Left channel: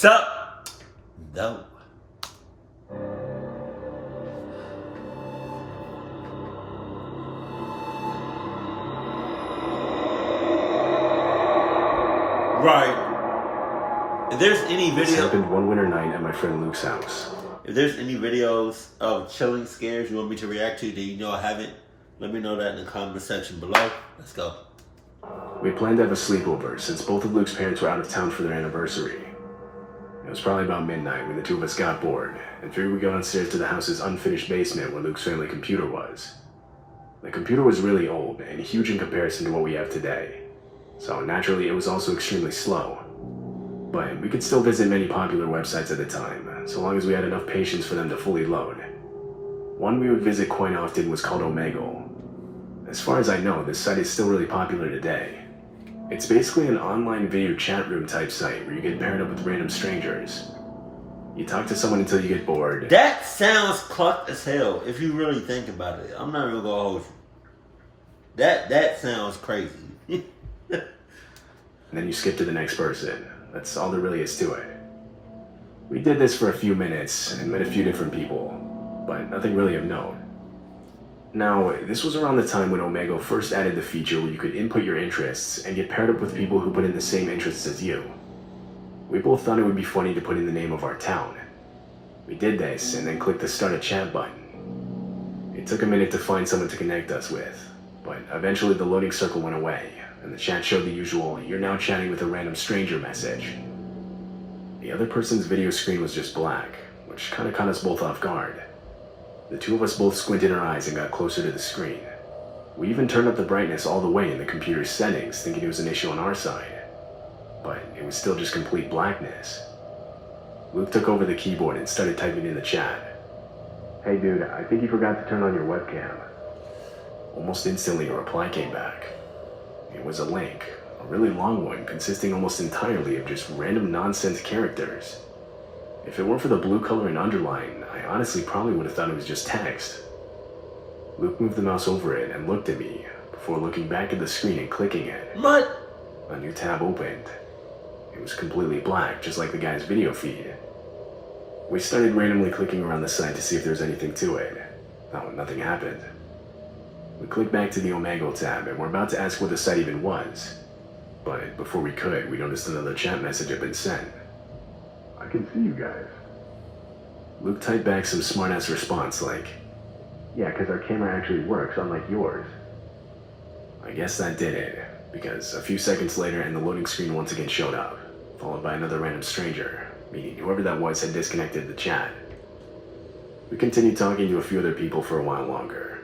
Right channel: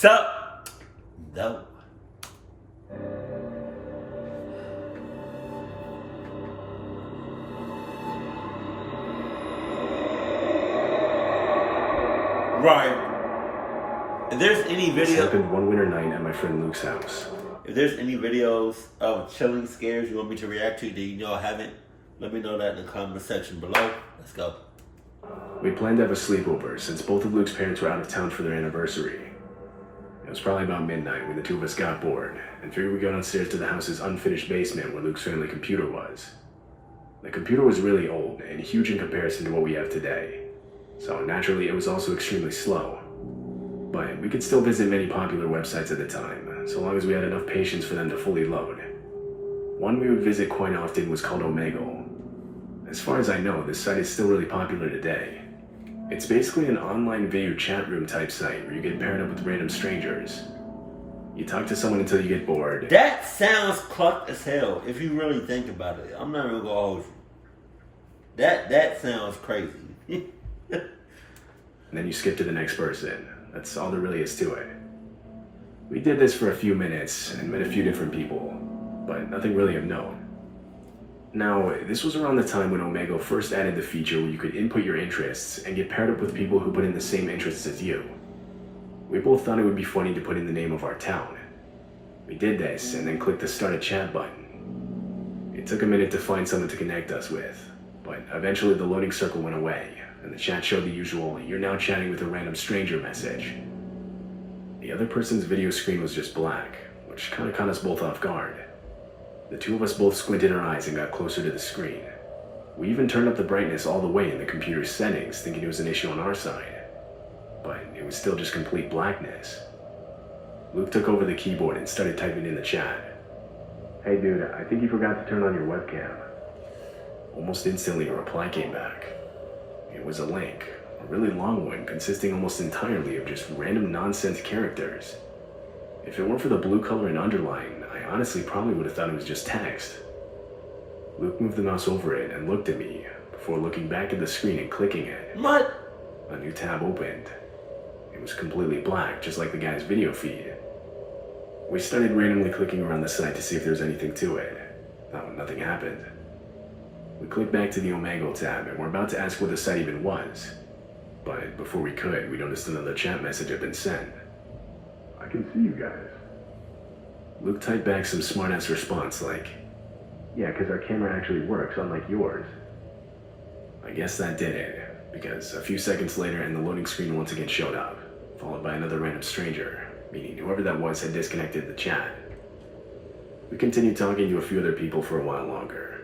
Sup? Dope. Right. If there's any This video, happened one winter night at my friend Luke's house. if there's any videos of chilling scares you want me to react to that you know I haven't, let me know that in the comment section below. Let's go. We planned to have a sleepover since both of Luke's parents were out of town for their anniversary. It was probably about midnight when the two of us got bored and figured we'd go downstairs to the house's unfinished basement where Luke's family computer was. The computer was really old and huge in comparison to what we have today, so naturally it was also extremely slow. But we could still visit many popular websites at the time, so long as we had enough patience for them to fully load. One we would visit quite often was called Omegle. As far as I know, this site is still really popular today. It's basically an online video chat room type site where you get paired up with random strangers. You talk to someone until you get bored. That sounds clucked as hell if you really think about it. I'm not even gonna hold you. That sounds crazy. And then you skip to the next person. That's all there really is to it. We did this for a few minutes and met a few different people, but nothing really of note. Now, this was around the time when Omegle first added the feature where you could input your interests and get paired up with people who put in the same interests as you. We both thought it would be funny to put in the name of our town. We did this and then clicked the start a chat button. It took a minute to find someone to connect us with, but eventually the loading circle went away and the chat showed the usual "you're now chatting with a random stranger" message. The other person's video screen was just black, which kind of caught us both off guard. The two of us both squinted our eyes and got closer to the screen. We even turned up the brightness all the way in the computer's settings, thinking it was an issue on our side. But it was still just complete blackness. Luke took over the keyboard and started typing in the chat. "Hey dude, I think you forgot to turn on your webcam." Almost instantly a reply came back. It was a link, a really long one consisting almost entirely of just random nonsense characters. If it weren't for the blue color and underline, I honestly probably would have thought it was just text. Luke moved the mouse over it and looked at me, before looking back at the screen and clicking it. What? A new tab opened. It was completely black, just like the guy's video feed. We started randomly clicking around the site to see if there was anything to it. Nothing happened. We clicked back to the Omegle tab and were about to ask what the site even was. But before we could, we noticed another chat message had been sent. "I can see you guys." Luke typed back some smart-ass response like, "Yeah, because our camera actually works, unlike yours." I guess that did it, because a few seconds later and the loading screen once again showed up, followed by another random stranger, meaning whoever that was had disconnected the chat. We continued talking to a few other people for a while longer.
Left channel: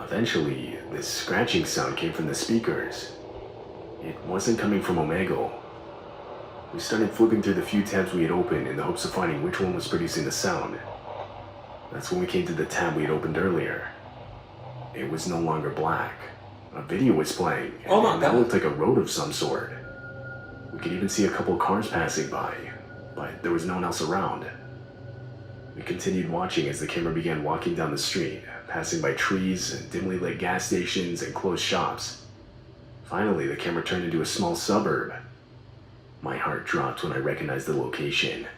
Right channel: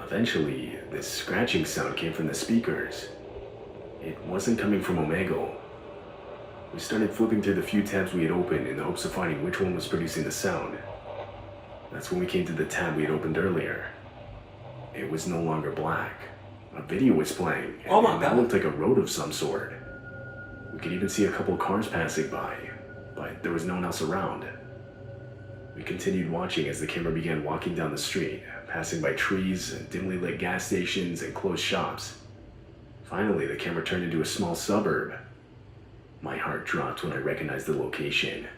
Eventually, this scratching sound came from the speakers. It wasn't coming from Omegle. We started flipping through the few tabs we had opened in the hopes of finding which one was producing the sound. That's when we came to the tab we had opened earlier. It was no longer black. A video was playing, and that looked like a road of some sort. We could even see a couple of cars passing by, but there was no one else around. We continued watching as the camera began walking down the street, passing by trees and dimly lit gas stations and closed shops. Finally, the camera turned into a small suburb. My heart dropped when I recognized the location.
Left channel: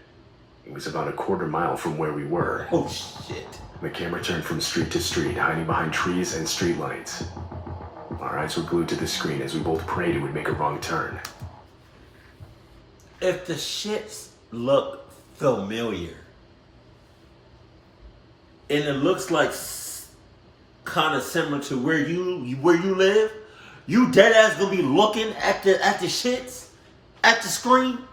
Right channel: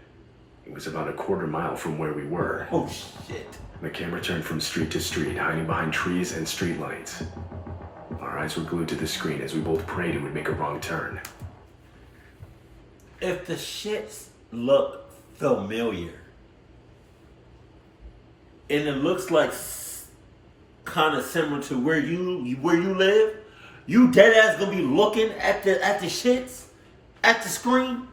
It was about a quarter mile from where we were. Oh shit. The camera turned from street to street, hiding behind trees and streetlights. Our eyes were glued to the screen as we both prayed it would make a wrong turn. If the shits look familiar, and it looks like kind of similar to where you live, you dead ass gonna be looking at the shits at the screen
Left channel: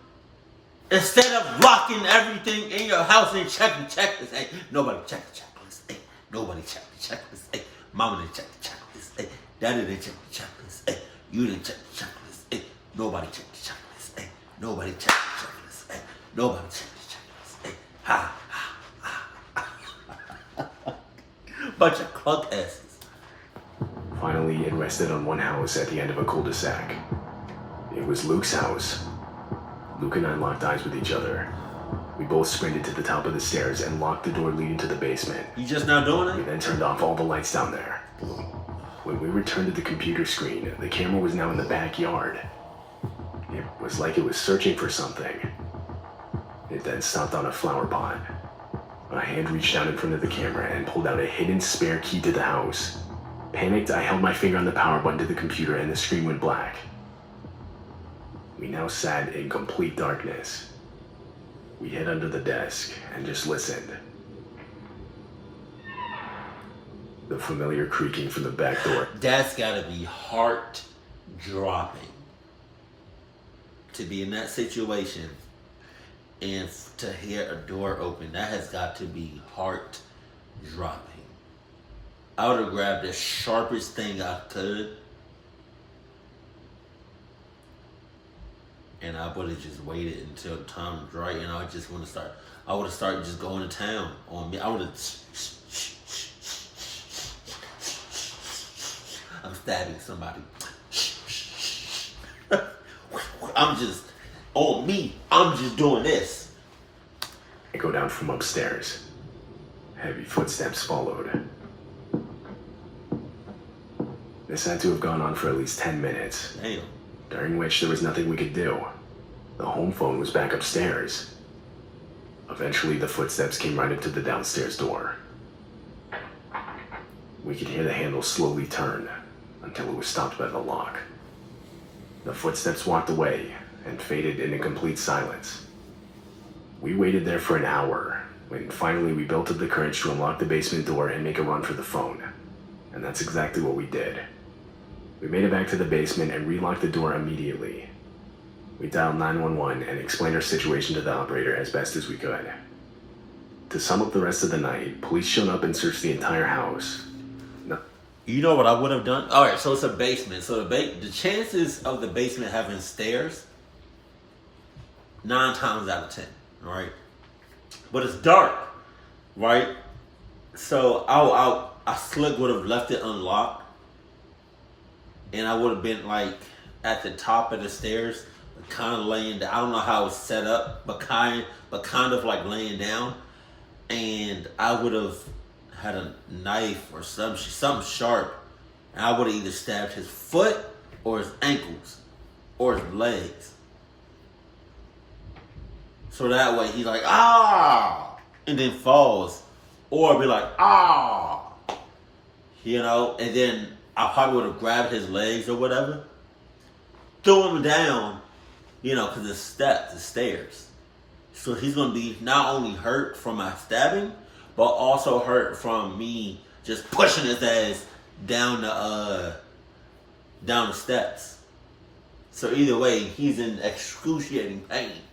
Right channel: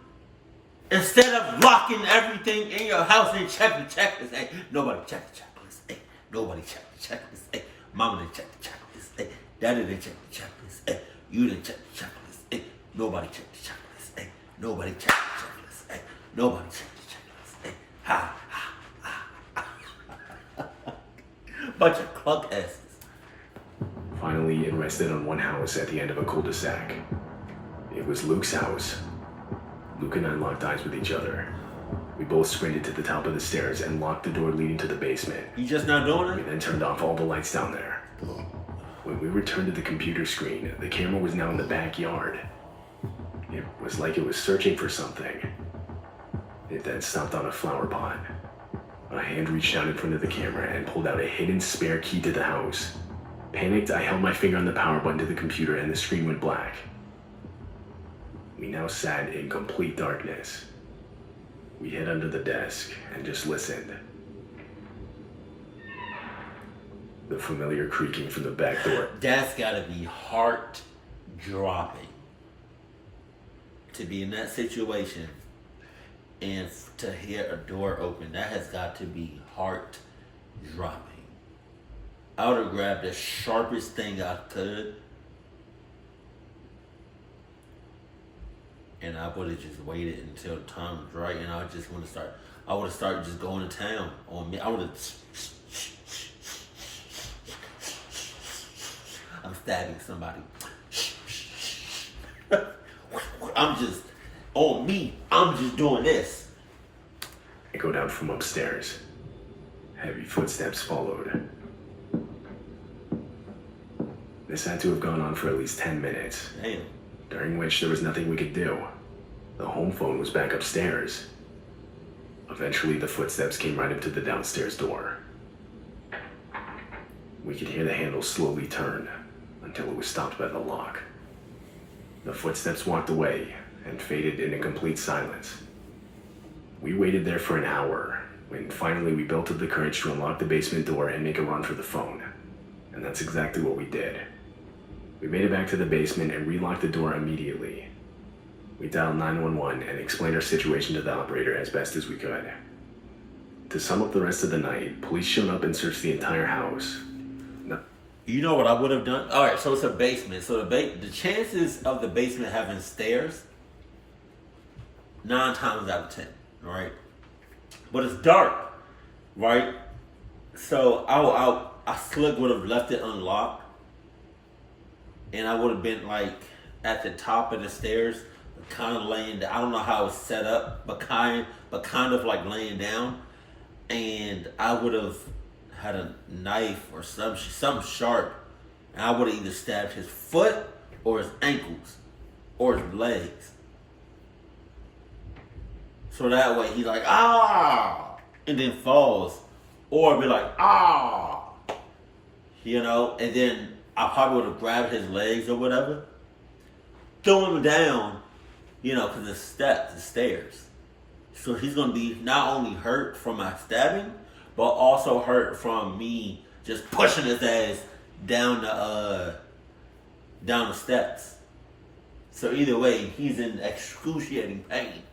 instead of locking everything in your house and checking checklist. Hey, nobody check the checklist. Hey, nobody check the checklist. Hey, mama didn't check the checklist. Hey, daddy didn't check the checklist. Hey, you didn't check the checklist. Hey, nobody check the checklist. Hey, nobody check the checklist. Hey, nobody check the checklist. Hey, ha. Bunch of club asses. Finally, it rested on one house at the end of a cul-de-sac. It was Luke's house. Luke and I locked eyes with each other. We both sprinted to the top of the stairs and locked the door leading to the basement. You just not doing We it? then turned off all the lights down there. When we returned to the computer screen, the camera was now in the backyard. It was like it was searching for something. It then stopped on a flower pot. A hand reached out in front of the camera and pulled out a hidden spare key to the house. Panicked, I held my finger on the power button to the computer and the screen went black. We now sat in complete darkness. We hid under the desk and just listened. The familiar creaking from the back door. That's gotta be heart dropping. To be in that situation and to hear a door open, that has got to be heart dropping. I would have grabbed the sharpest thing I could and I would have just waited until the time was right, and I would have started just going to town on me. I would have, I'm stabbing somebody. I'm just, on me, I'm just doing this. I go down from upstairs. Heavy footsteps followed. This had to have gone on for at least 10 minutes. Damn. During which there was nothing we could do. The home phone was back upstairs. Eventually, the footsteps came right up to the downstairs door. We could hear the handle slowly turn until it was stopped by the lock. The footsteps walked away and faded into complete silence. We waited there for an hour when finally we built up the courage to unlock the basement door and make a run for the phone. And that's exactly what we did. We made it back to the basement and relocked the door immediately. We dialed 911 and explained our situation to the operator as best as we could. To sum up the rest of the night, police showed up and searched the entire house. You know what I would have done? All right, so it's a basement. So the chances of the basement having stairs, 9 times out of 10, all right? But it's dark, right? So I slick would have left it unlocked, and I would have been like at the top of the stairs, kind of laying down. I don't know how it's set up, but kind of like laying down, and I would have had a knife or something sharp, and I would have either stabbed his foot or his ankles or his legs. So that way he's like, ah, and then falls, or be like, ah, you know, and then I probably would have grabbed his legs or whatever, threw him down, you know, because it's steps, it's stairs. So he's going to be not only hurt from my stabbing, but also hurt from me just pushing his ass down the steps. So either way, he's in excruciating pain.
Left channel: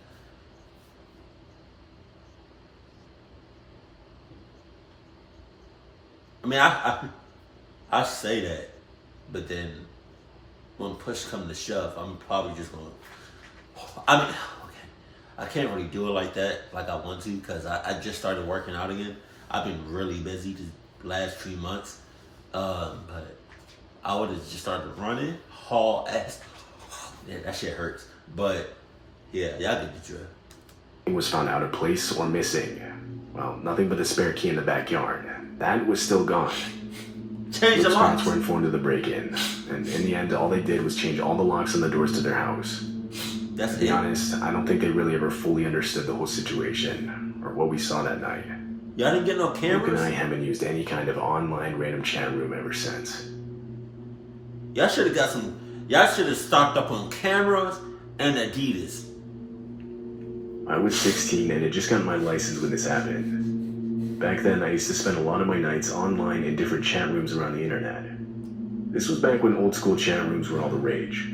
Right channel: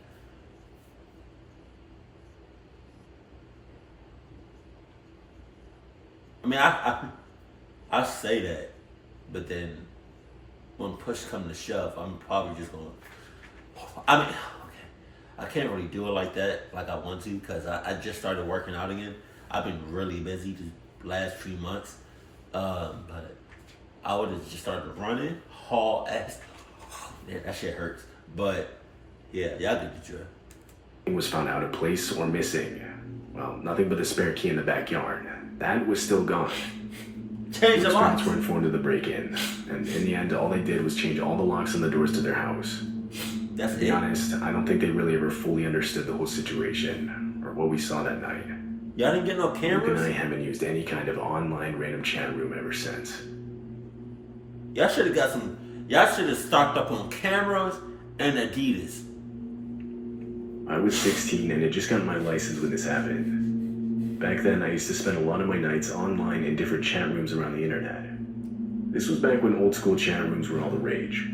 I mean, I say that, but then when push comes to shove, I'm probably just going to, I mean, okay, I can't really do it like that, like I want to, because I just started working out again. I've been really busy the last 3 months, but I would have just started running, haul ass. Yeah, that shit hurts. But yeah, y'all get the drill. He was found out of place or missing. Well, nothing but the spare key in the backyard. That was still gone. Change the Luke's locks. parents were informed of the break-in, and in the end, all they did was change all the locks on the doors to their house. That's To be it. honest, I don't think they really ever fully understood the whole situation, or what we saw that night. Y'all didn't get no Luke and cameras? I haven't used any kind of online random chat room ever since. Y'all should have got some. Y'all should have stocked up on cameras and Adidas. I was 16 and had just gotten my license when this happened. Back then, I used to spend a lot of my nights online in different chat rooms around the internet. This was back when old school chat rooms were all the rage.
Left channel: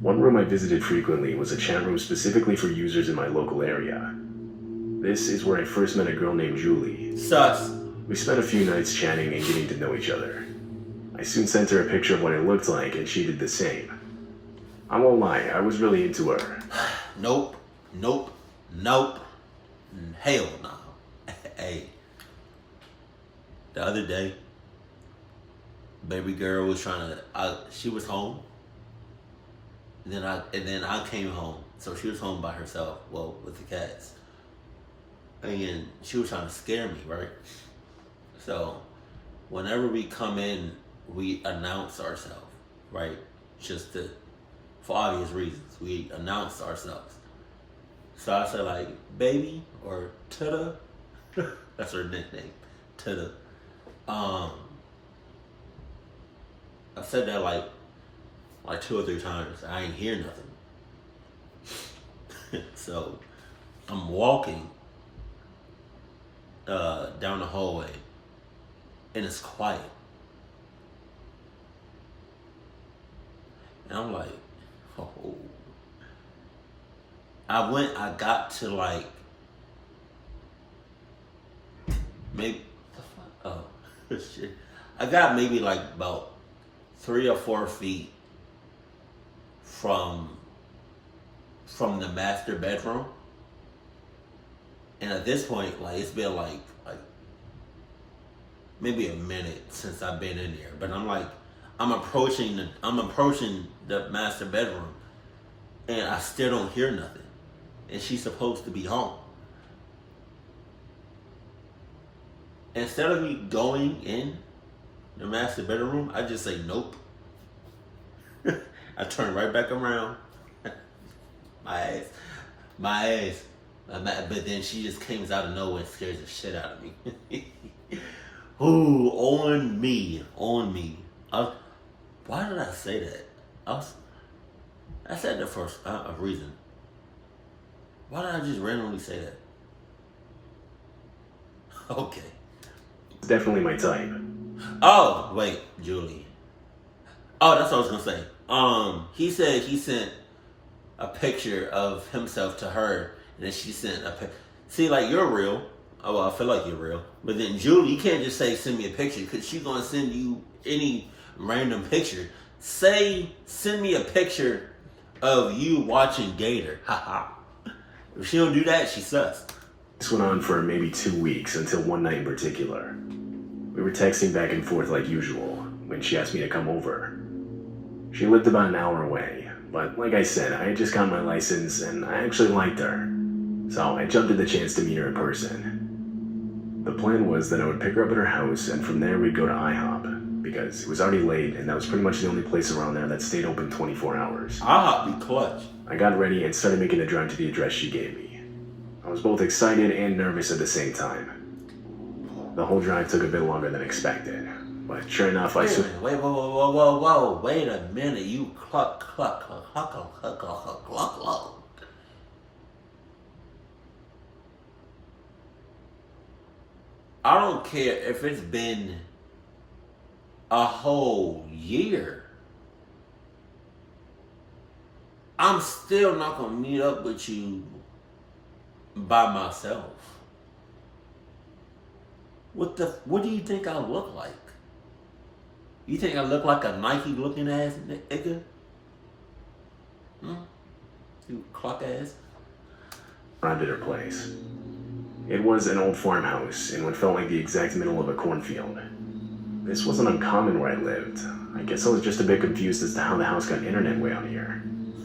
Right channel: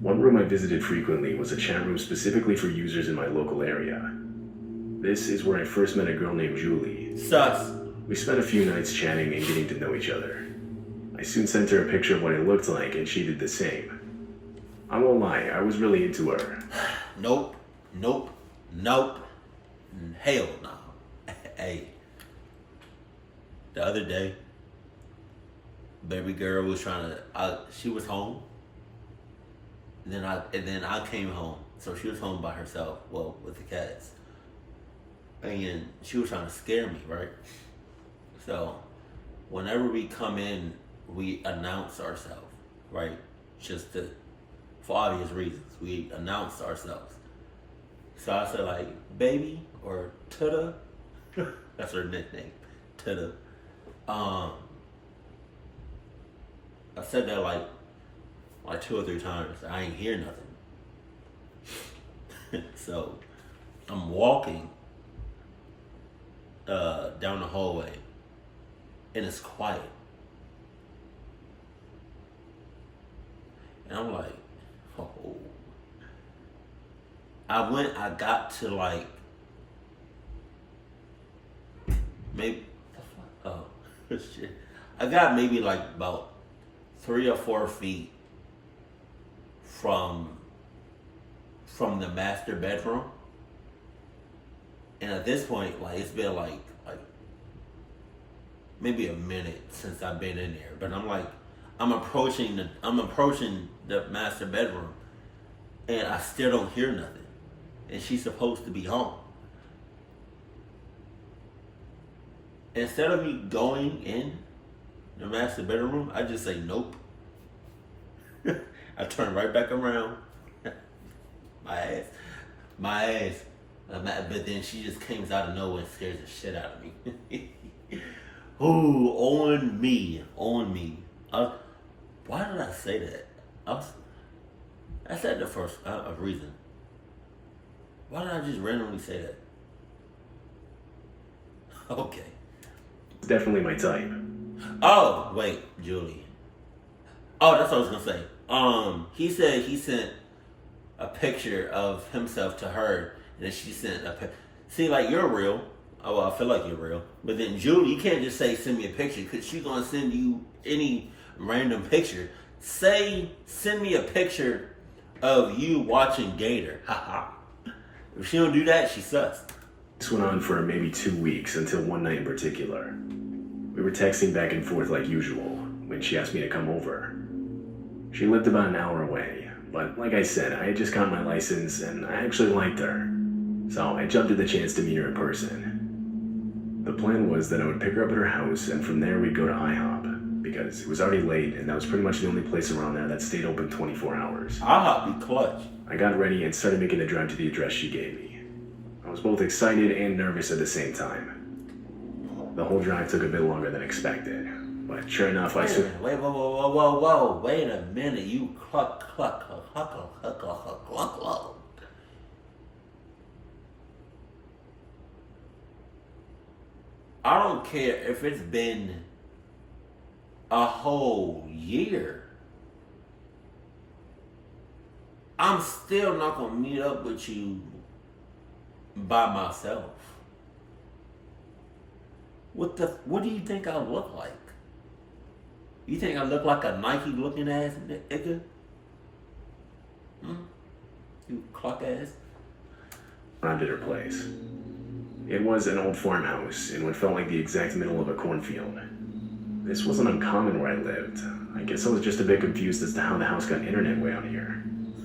One room I visited frequently was a chat room specifically for users in my local area. This is where I first met a girl named Julie. Sus. We spent a few nights chatting and getting to know each other. I soon sent her a picture of what I looked like, and she did the same. I won't lie, I was really into her. Nope. Hell no. Hey. The other day, baby girl was she was home. And then I came home. So she was home by herself, well, with the cats. And she was trying to scare me, right? So whenever we come in, we announce ourselves, right? For obvious reasons. We announce ourselves. So I said like baby or Tuda. That's her nickname, Tuda. I said that like 2 or 3 times. I ain't hear nothing. So I'm walking down the hallway, and it's quiet. And I'm like, oh. I got to like, maybe, oh, shit. I got maybe like about 3 or 4 feet from the master bedroom. And at this point, like, it's been like maybe a minute since I've been in there. But I'm approaching the master bedroom, and I still don't hear nothing. And she's supposed to be home. Instead of me going in the master bedroom, I just say nope. I turn right back around. My ass. But then she just came out of nowhere and scares the shit out of me. Ooh, on me. Why did I say that? I said that for a reason. Why did I just randomly say that? Okay. It's definitely my type. Oh, wait, Julie. Oh, that's what I was gonna say. He said he sent a picture of himself to her, and then she sent a picture. See, like, you're real. Oh, well, I feel like you're real. But then Julie, you can't just say send me a picture, because she's gonna send you any random picture. Say, send me a picture of you watching Gator. Haha. If she don't do that, she sucks. This went on for maybe 2 weeks, until one night in particular. We were texting back and forth like usual, when she asked me to come over. She lived about an hour away, but like I said, I had just gotten my license, and I actually liked her. So I jumped at the chance to meet her in person. The plan was that I would pick her up at her house, and from there we'd go to IHOP, because it was already late, and that was pretty much the only place around there that stayed open 24 hours. IHOP be clutch. I got ready and started making the drive to the address she gave me. I was both excited and nervous at the same time. The whole drive took a bit longer than expected, but sure enough, Wait, whoa. Wait a minute. You cluck. I don't care if it's been a whole year. I'm still not gonna meet up with you by myself. What do you think I look like? You think I look like a Nike looking ass nigga? You clock ass? arrived at her place. It was an old farmhouse in what felt like the exact middle of a cornfield. This wasn't uncommon where I lived. I guess I was just a bit confused as to how the house got internet way out here.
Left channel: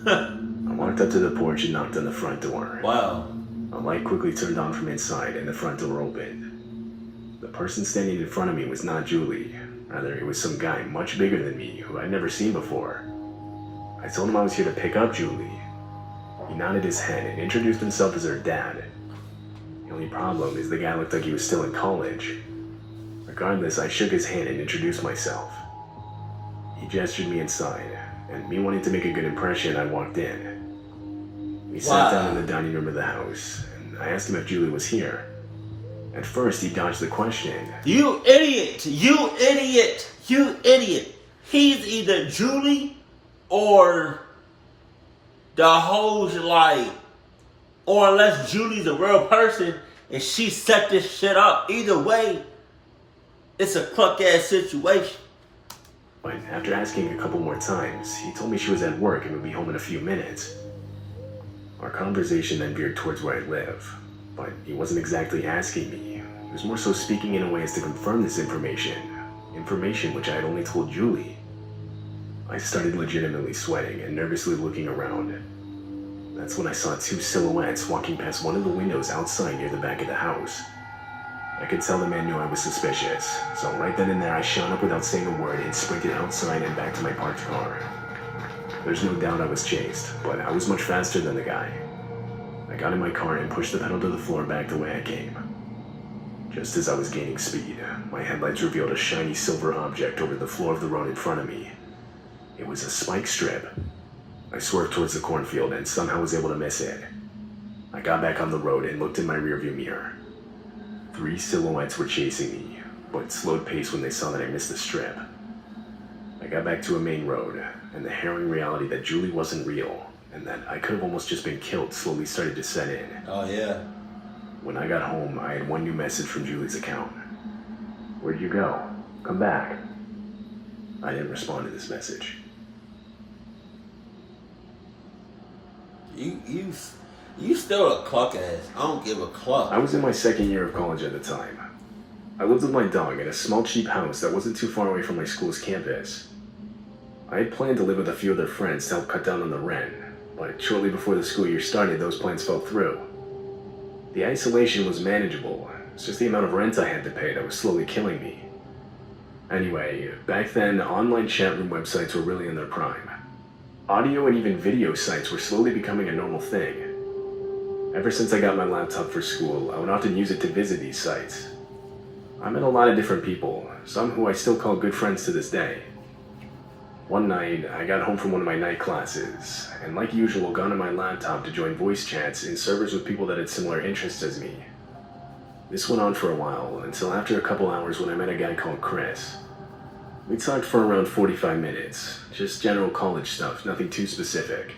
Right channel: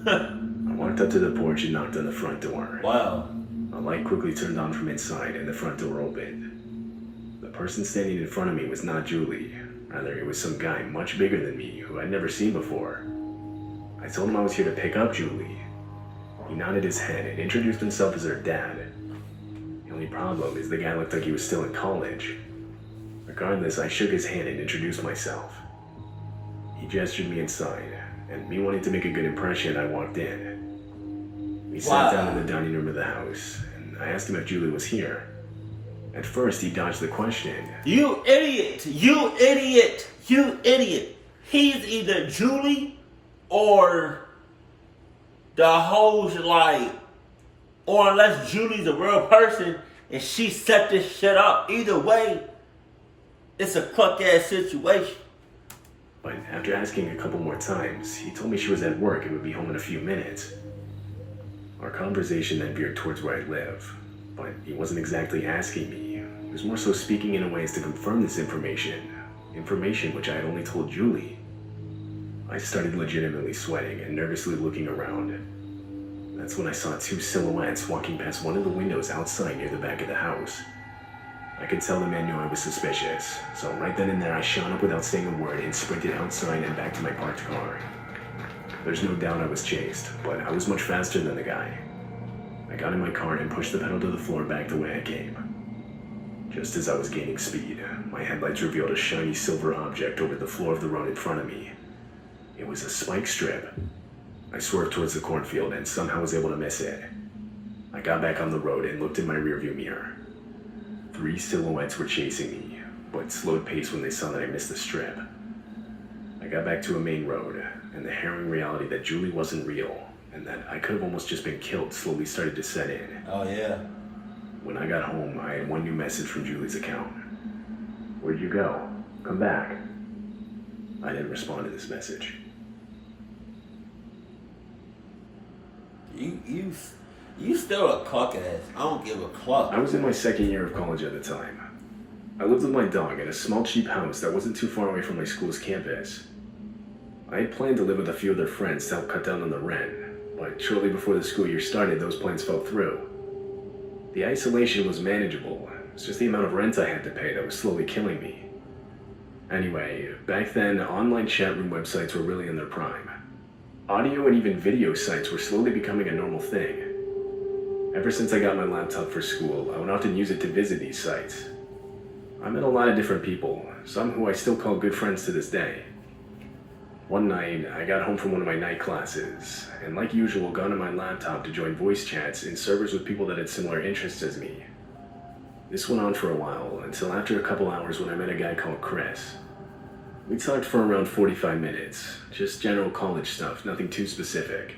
I walked up to the porch and knocked on the front door. Wow. A light quickly turned on from inside and the front door opened. The person standing in front of me was not Julie. Rather, it was some guy much bigger than me who I'd never seen before. I told him I was here to pick up Julie. He nodded his head and introduced himself as her dad. The only problem is the guy looked like he was still in college. Regardless, I shook his hand and introduced myself. He gestured me inside, and me wanting to make a good impression, I walked in. We sat down in the dining room of the house, and I asked him if Julie was here. At first, he dodged the question. You idiot! You idiot! You idiot! He's either Julie or the hoes like, or unless Julie's a real person and she set this shit up. Either way, it's a cluck ass situation. But after asking a couple more times, he told me she was at work and would be home in a few minutes. Our conversation then veered towards where I live, but he wasn't exactly asking me. He was more so speaking in a way as to confirm this information which I had only told Julie. I started legitimately sweating and nervously looking around. That's when I saw two silhouettes walking past one of the windows outside near the back of the house. I could tell the man knew I was suspicious, so right then and there I shot up without saying a word and sprinted outside and back to my parked car. There's no doubt I was chased, but I was much faster than the guy. I got in my car and pushed the pedal to the floor back the way I came. Just as I was gaining speed, my headlights revealed a shiny silver object over the floor of the road in front of me. It was a spike strip. I swerved towards the cornfield and somehow was able to miss it. I got back on the road and looked in my rearview mirror. 3 silhouettes were chasing me, but slowed pace when they saw that I missed the strip. I got back to a main road, and the harrowing reality that Julie wasn't real, and that I could have almost just been killed slowly started to set in. Oh, yeah. When I got home, I had one new message from Julie's account. "Where'd you go? Come back." I didn't respond to this message. You still a cluck ass. I don't give a cluck. I was in my second year of college at the time. I lived with my dog in a small cheap house that wasn't too far away from my school's campus. I had planned to live with a few of their friends to help cut down on the rent, but shortly before the school year started, those plans fell through. The isolation was manageable. It's just the amount of rent I had to pay that was slowly killing me. Anyway, back then, online chat room websites were really in their prime. Audio and even video sites were slowly becoming a normal thing. Ever since I got my laptop for school, I would often use it to visit these sites. I met a lot of different people, some who I still call good friends to this day. One night, I got home from one of my night classes, and like usual, got on my laptop to join voice chats in servers with people that had similar interests as me. This went on for a while, until after a couple hours when I met a guy called Chris. We talked for around 45 minutes, just general college stuff, nothing too specific.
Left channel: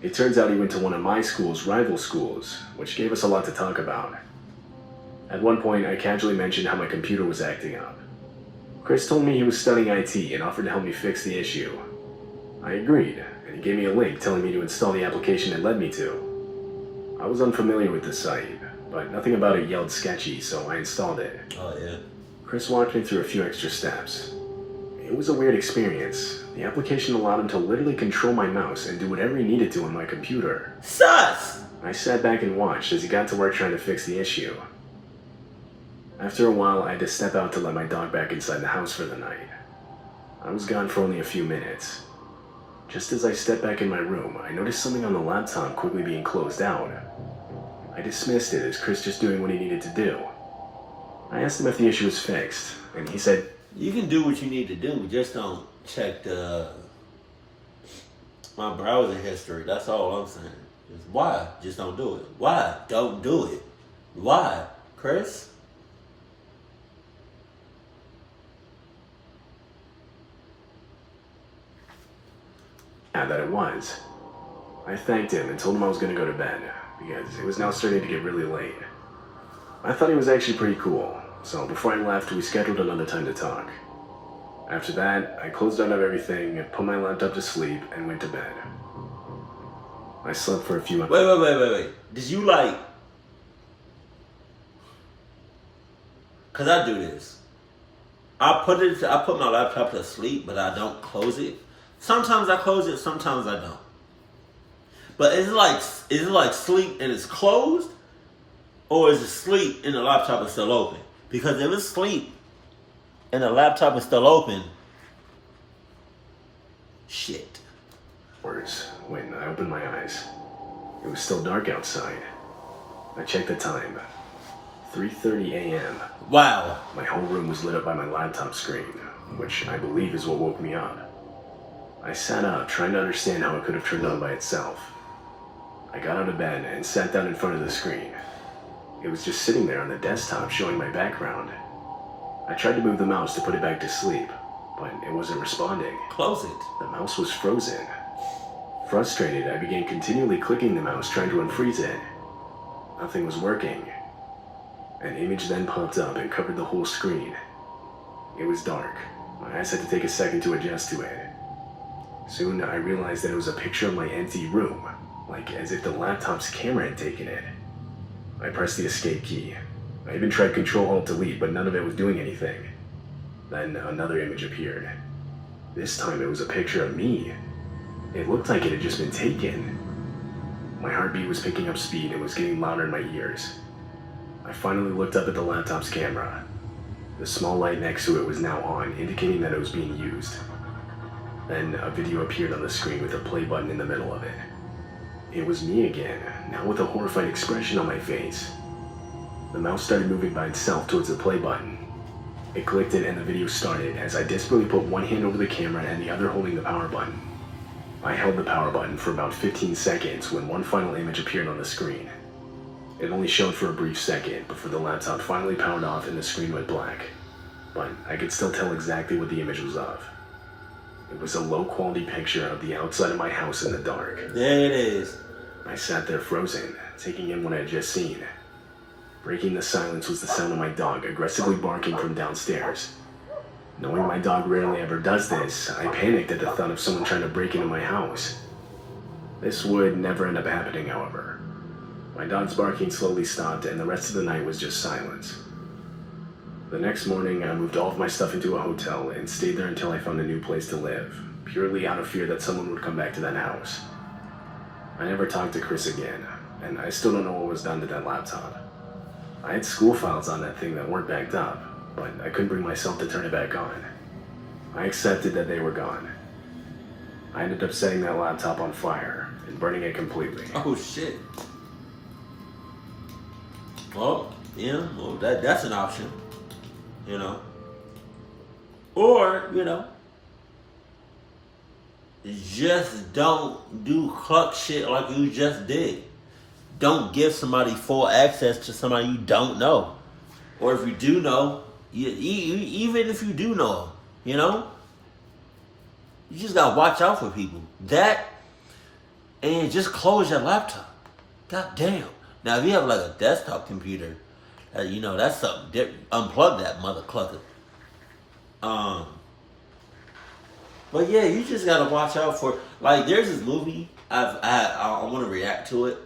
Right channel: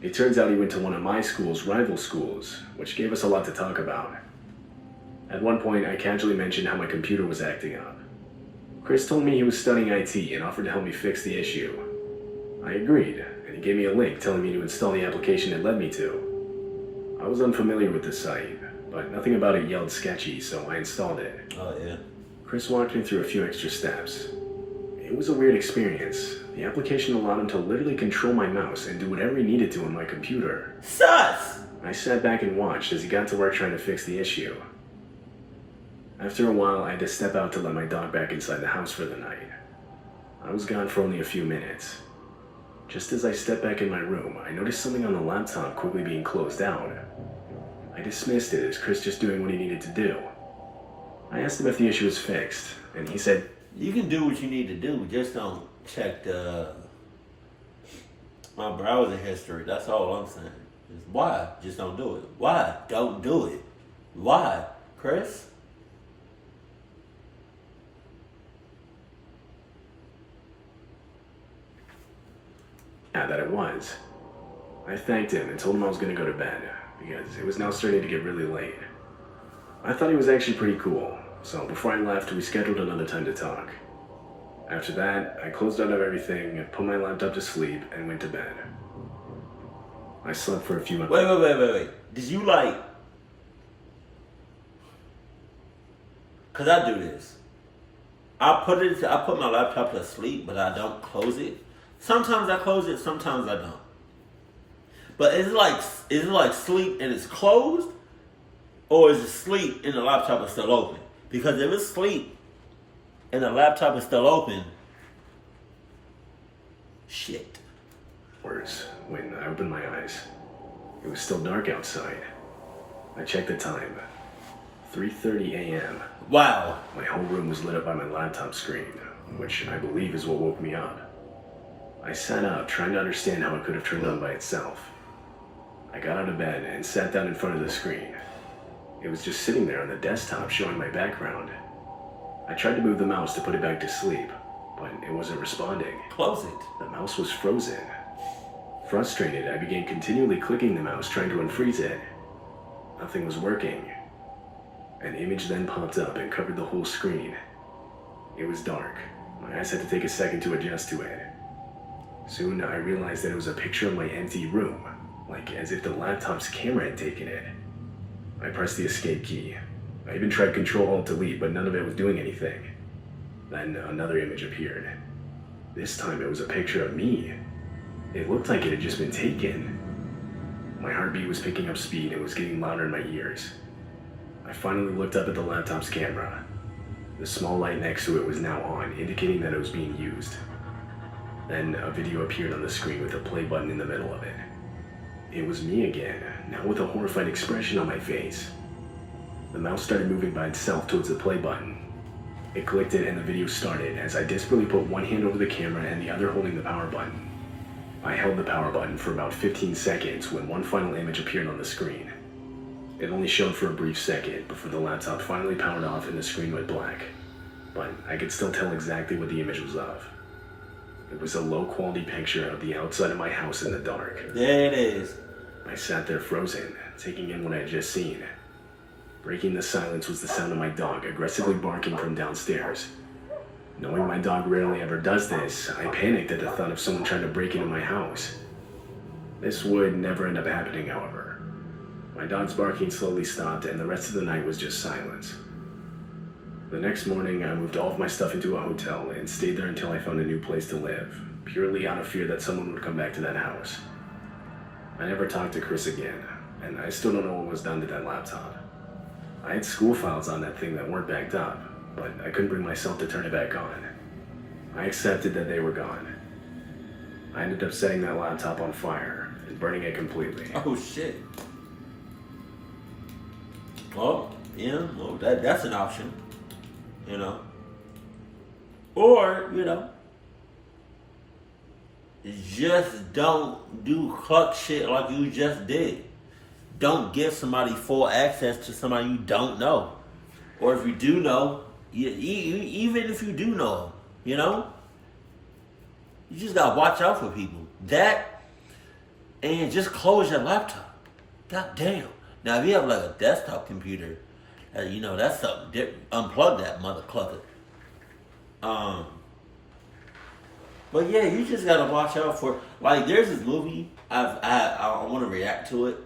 It turns out he went to one of my school's rival schools, which gave us a lot to talk about. At one point, I casually mentioned how my computer was acting up. Chris told me he was studying IT and offered to help me fix the issue. I agreed, and he gave me a link telling me to install the application it led me to. I was unfamiliar with the site, but nothing about it yelled sketchy, so I installed it. Oh, yeah. Chris walked me through a few extra steps. It was a weird experience. The application allowed him to literally control my mouse and do whatever he needed to on my computer. Sus! I sat back and watched as he got to work trying to fix the issue. After a while, I had to step out to let my dog back inside the house for the night. I was gone for only a few minutes. Just as I stepped back in my room, I noticed something on the laptop quickly being closed out. I dismissed it as Chris just doing what he needed to do. I asked him if the issue was fixed, and he said, You can do what you need to do, just don't check my browser history. That's all I'm saying. Just why? Just don't do it. Why? Don't do it. Why? Chris? "Yeah, that it was." I thanked him and told him I was going to go to bed, because it was now starting to get really late. I thought he was actually pretty cool, so before I left, we scheduled another time to talk. After that, I closed out of everything, put my laptop to sleep, and went to bed. I slept for a few hours. Wait. Did you Cause I do this. I put my laptop to sleep, but I don't close it. Sometimes I close it, sometimes I don't. But is it like sleep and it's closed? Or is it sleep and the laptop is still open? Because if it's sleep and the laptop is still open, shit. When I opened my eyes, it was still dark outside. I checked the time. 3:30 a.m. Wow. My whole room was lit up by my laptop screen, which I believe is what woke me up. I sat up, trying to understand how it could have turned on by itself. I got out of bed and sat down in front of the screen. It was just sitting there on the desktop, showing my background. I tried to move the mouse to put it back to sleep, but it wasn't responding. Close it. The mouse was frozen. Frustrated, I began continually clicking the mouse, trying to unfreeze it. Nothing was working. An image then popped up and covered the whole screen. It was dark. My eyes had to take a second to adjust to it. Soon, I realized that it was a picture of my empty room, like as if the laptop's camera had taken it. I pressed the escape key. I even tried Control-Alt-Delete, but none of it was doing anything. Then another image appeared. This time it was a picture of me. It looked like it had just been taken. My heartbeat was picking up speed and was getting louder in my ears. I finally looked up at the laptop's camera. The small light next to it was now on, indicating that it was being used. Then a video appeared on the screen with a play button in the middle of it. It was me again, now with a horrified expression on my face. The mouse started moving by itself towards the play button. It clicked it and the video started as I desperately put one hand over the camera and the other holding the power button. I held the power button for about 15 seconds when one final image appeared on the screen. It only showed for a brief second before the laptop finally powered off and the screen went black. But I could still tell exactly what the image was of. It was a low-quality picture of the outside of my house in the dark. There it is. I sat there frozen, taking in what I had just seen. Breaking the silence was the sound of my dog aggressively barking from downstairs. Knowing my dog rarely ever does this, I panicked at the thought of someone trying to break into my house. This would never end up happening, however. My dog's barking slowly stopped and the rest of the night was just silence. The next morning, I moved all of my stuff into a hotel and stayed there until I found a new place to live, purely out of fear that someone would come back to that house. I never talked to Chris again, and I still don't know what was done to that laptop. I had school files on that thing that weren't backed up, but I couldn't bring myself to turn it back on. I accepted that they were gone. I ended up setting that laptop on fire and burning it completely. Oh shit. Well, yeah, well that's an option. You know. Or, you know, just don't do cluck shit like you just did. Don't give somebody full access to somebody you don't know. Or if you do know, even if you do know, you know, you just gotta watch out for people. That, and just close your laptop. God damn. Now, if you have like a desktop computer, you know, that's something different. Unplug that mother clucker. But yeah, you just gotta watch out for, like, there's this movie I want to react to it.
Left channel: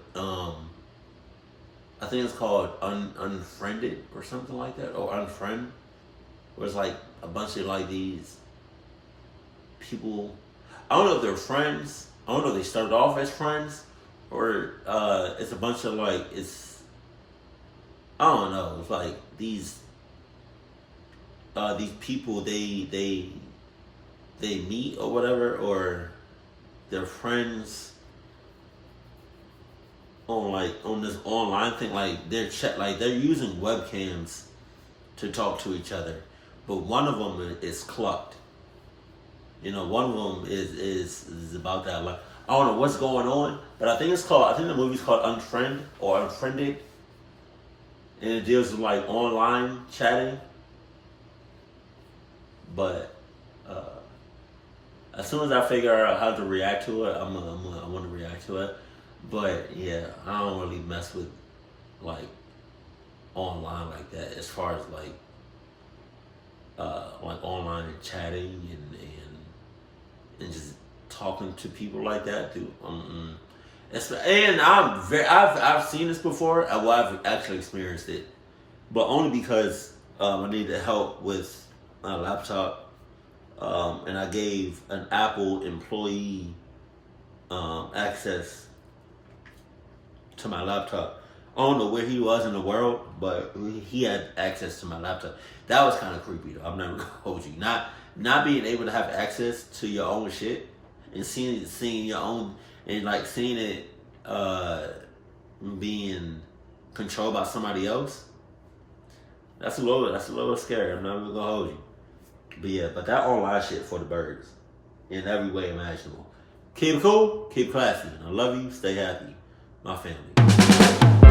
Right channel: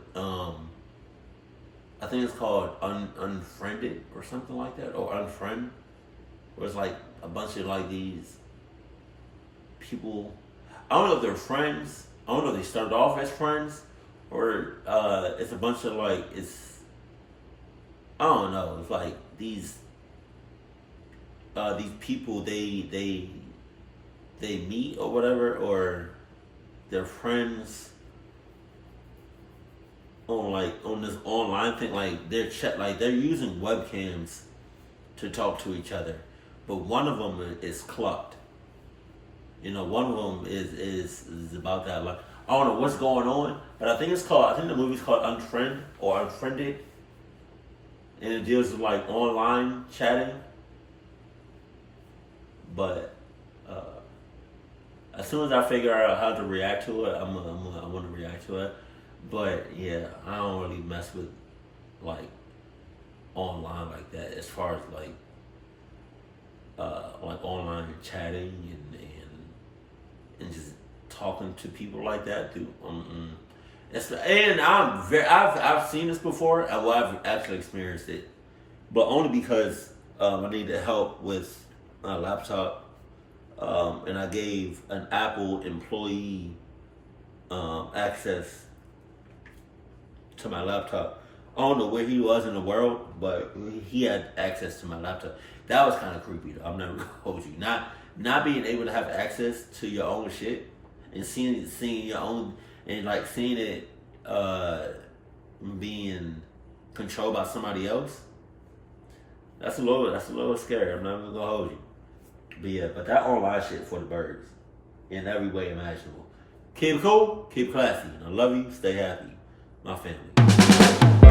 I think it's called Unfriended or something like that, or Unfriend. Where it's like a bunch of like these people. I don't know if they're friends. I don't know if they started off as friends, or it's a bunch of like I don't know. It's like these people they meet or whatever, or they're friends on this online thing. Like they're using webcams to talk to each other, but one of them is clucked. You know, one of them is about that. Like, I don't know what's going on, but I think the movie's called Unfriend or Unfriended, and it deals with like online chatting. But as soon as I figure out how to react to it, I want to react to it. But yeah, I don't really mess with like online like that. As far as like online chatting and just talking to people like that, dude. And I've seen this before. Well, I've actually experienced it, but only because I needed help with my laptop. And I gave an Apple employee access to my laptop. I don't know where he was in the world, but he had access to my laptop. That was kind of creepy, though. I'm never gonna hold you. Not being able to have access to your own shit and seeing your own, and like seeing it being controlled by somebody else. That's a little scary. I'm not even gonna hold you. But yeah, but that online shit for the birds in every way imaginable. Keep it cool, keep it classy. I love you, stay happy. My family.